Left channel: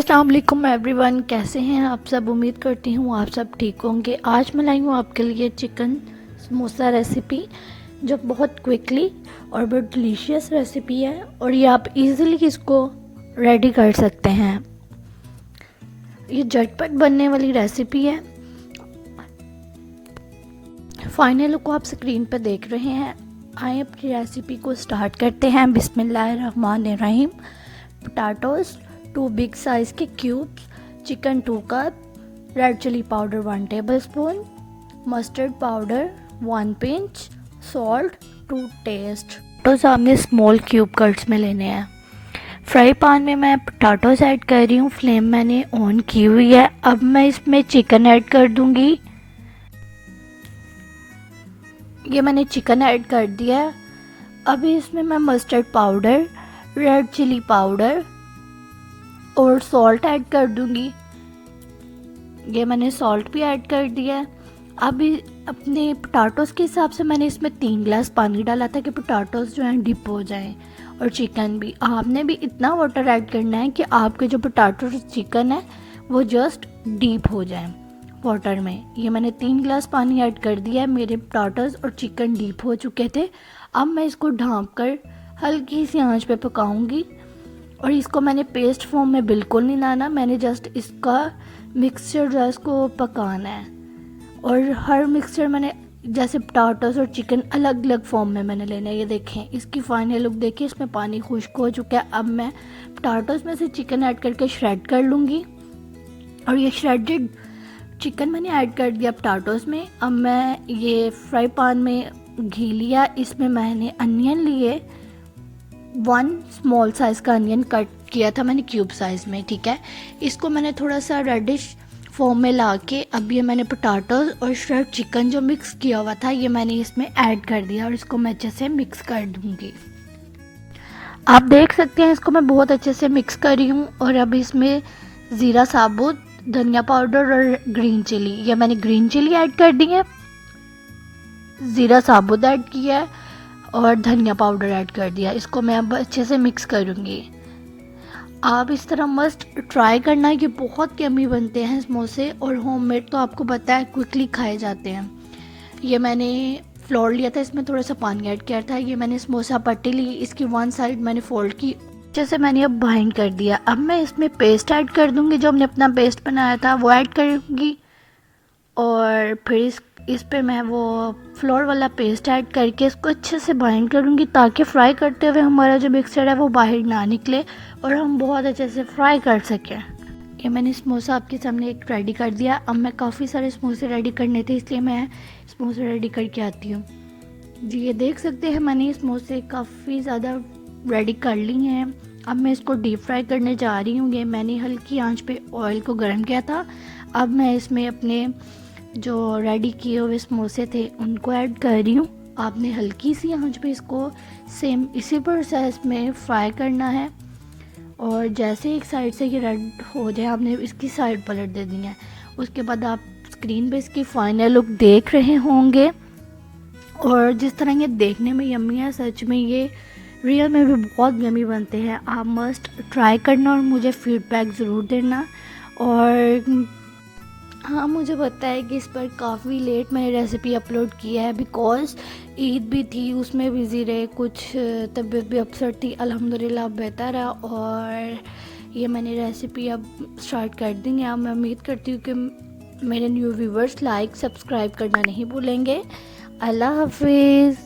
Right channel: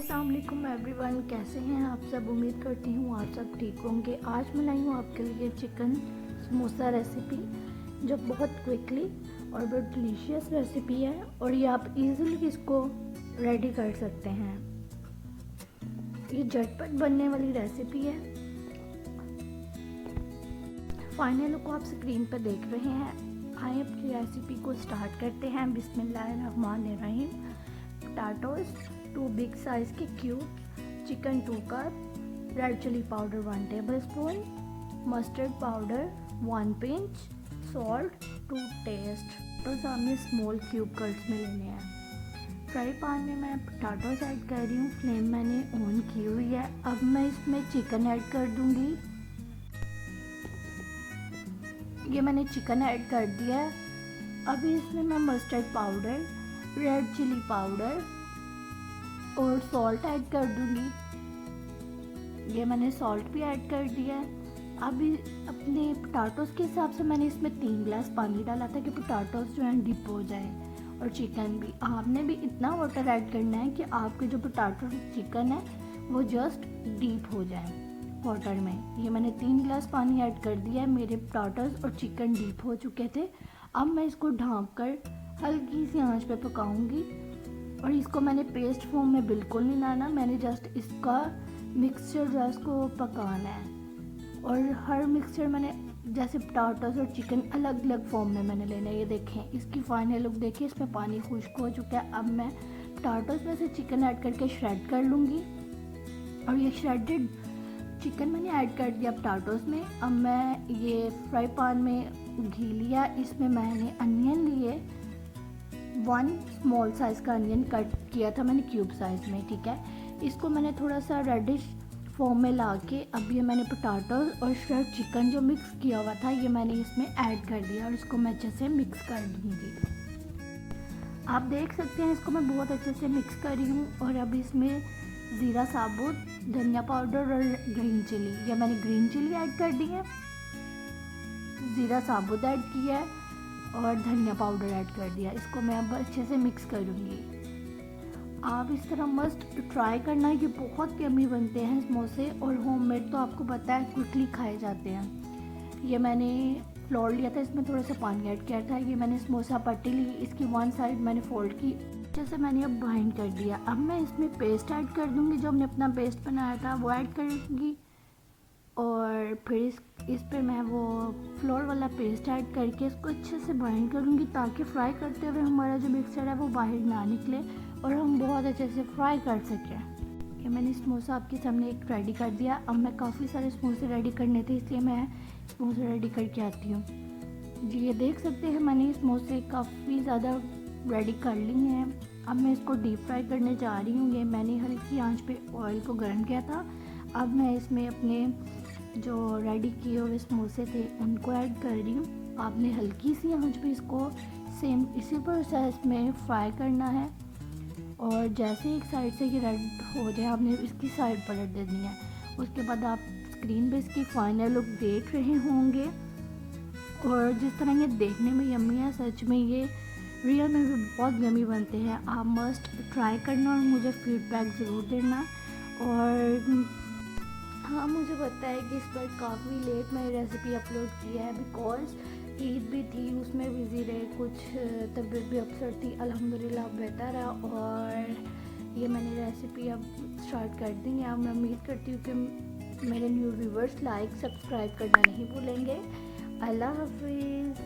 अस्सलाम वालेकुम एवरीवन, कैसे हैं आप सब। उम्मीद करती हूँ आप सब ठीक होंगे। आज मैं लाई हूँ आपके लिए चिकन समोसा रेसिपी, जो बहुत क्विकली और बहुत डिलीशियस रेसिपी है और ये आप इजीली इसको रेडी कर सकते हैं। ये झटपट बनने वाली रेसिपी है। फाइनल लुक को आप स्क्रीन पर देख रहे हैं। आइए अपनी रेसिपी को स्टार्ट करते हैं। बिस्मिल्लाहिर्रहमानिर्रहीम। पोटैटोज़ 2 बिग साइज़ के cubes, chicken 2 cup, red chilli powder 1 tablespoon, mustard powder 1 pinch, salt to taste. तो सामने स्मॉल क्यूब कट्स में लेने हैं। फ्राई पैन में मैं पोटैटोज़ ऐड कर रही हूँ। फ्लेम मैंने ऑन की हुई है। अब मैं इसमें चिकन ऐड कर दूँगी। ये मैंने चिकन ऐड कर दिया है। अभी इसमें मैं mustard powder, red chilli powder और सॉल्ट ऐड कर दूंगी। ये मैंने सॉल्ट भी ऐड कर दिया है। अभी अपने पोटैटोज़ के हिसाब से मैंने इसमें 3 गिलास पानी डाला था कि पोटैटोज़ जो हैं डिप हो जाएं, और चिकन भी आपने भी इतना वाटर ऐड करना है कि आपके जो पोटैटो चिकन है वो जस्ट डीप हो जाए वाटर में। ये मैंने 3 गिलास पानी ऐड कर दिया है। मेरे पोटैटोज़ और चिकन डीप हो चुके थे। अब मैं इसको ढाँप कर हल्की सी आंच पे पकाऊंगी। और इसको मैंने पेस्ट फॉर्म में बिल्कुल नहीं लाना, मैंने जस्ट इसका मिक्सचर जो है इसको पकाना है। और हर मिक्सचर मैंने जैसे पोटैटोज़ और चिकन अलग अलग फॉर्म में मैंने लेना है। ये देखें, इसकी फाइनल लुक देखिए, इसमें पानी खुश्क हो चुका है। अब मैं पोटैटोज़ में से चिकन ऐड करके श्रेड कर लूँगी। और ये श्रेडेड चिकन मैंने ऐड कर दिया पोटैटोज़ में। अब मैं ये फ्राई पैन में घी लिया, इसमें मैंने अनियन लिए। 1 स्मॉल साइज़ का अनियन कट किया था मैंने क्यूब साइज़ में, ठीक है। इसको मैंने थोड़ा सा रेडिश फॉर्म में ला के अब ये मैंने पोटैटोज़ और श्रेड चिकन जो मिक्स किया हुआ था ये मैंने इसमें ऐड कर दिया और इसको मैं अच्छे से मिक्स कर दूँगी। आप देख सकते हैं इसको मैं बहुत अच्छे से मिक्स कर रही हूँ। और अब इसमें ज़ीरा साबुत, धनिया पाउडर और ग्रीन चिली, ये मैंने ग्रीन चिली ऐड कर दी है, ज़ीरा साबुत ऐड किया है और धनिया पाउडर ऐड कर दिया। इसको मैं अब अच्छे से मिक्स करूँगी। आप इस तरह मस्ट ट्राई करना, ये बहुत यम्मी बनते हैं समोसे। और होममेड तो आपको पता है क्विकली खाए जाते हैं। ये मैंने फ्लोर लिया था, इसमें थोड़ा सा पानी ऐड किया था। ये मैंने समोसा पट्टी ली, इसकी 1 साइड मैंने फोल्ड की, जैसे मैंने अब बाइंड कर दिया। अब मैं इसमें पेस्ट ऐड कर दूँगी, जो हमने अपना पेस्ट बनाया था वो ऐड करूँगी। और फिर इस पे मैं वो फ्लोर वाला पेस्ट ऐड करके इसको अच्छे से बाइंड करूँगी, ताकि फ्राई करते हुए हमारा जो मिक्सचर है वो बाहर ना निकले और हम बहुत अच्छे से फ्राई कर सकें। ये मैंने समोसा आपके सामने एक रेडी कर दिया। अब मैं काफ़ी सारे समोसे रेडी करने थे, इसलिए मैं समोसे रेडी करके आती हूँ। जी, ये देख सकते हैं मैंने समोसे काफ़ी ज़्यादा रेडी कर ली हैं। अब मैं इसको डीप फ्राई करने जा रही हूँ। ये मैंने हल्की आंच पे ऑयल को गर्म किया था। अब मैं इसमें अपने जो रेडी किए हुए समोसे थे उनको ऐड कर रही हूँ। आपने हल्की सी आंच पे इसको सेम इसी प्रोसेस में फ्राई करना है। और जैसे एक साइड से ये रेड हो जाए आपने इसकी साइड पलट दे दी है। उसके बाद आप स्क्रीन पे इसकी फाइनल लुक देख रहे होंगे। और जिस तरह ये देखने में यम्मी है, सच में ये रियल में भी बहुत यम्मी बनते हैं। आप मस्ट ट्राई करना और मुझे फीडबैक ज़रूर देना। और हाँ, मुझे पता है कि इस पर काफ़ी लेट मैंने रेसिपी अपलोड किया है, बिकॉज़ ईद भी थी, उसमें बिज़ी रहे, कुछ तबीयत भी अपसेट थी। अल्हम्दुलिल्लाह बेहतर है। और ये मैंने रेसिपी अब स्टार्ट कर दी है। मैं उम्मीद करती हूँ कि मेरे न्यू व्यूवर्स लाइक सब्सक्राइब करना नहीं भूलेंगे। अल्लाह हाफिज़।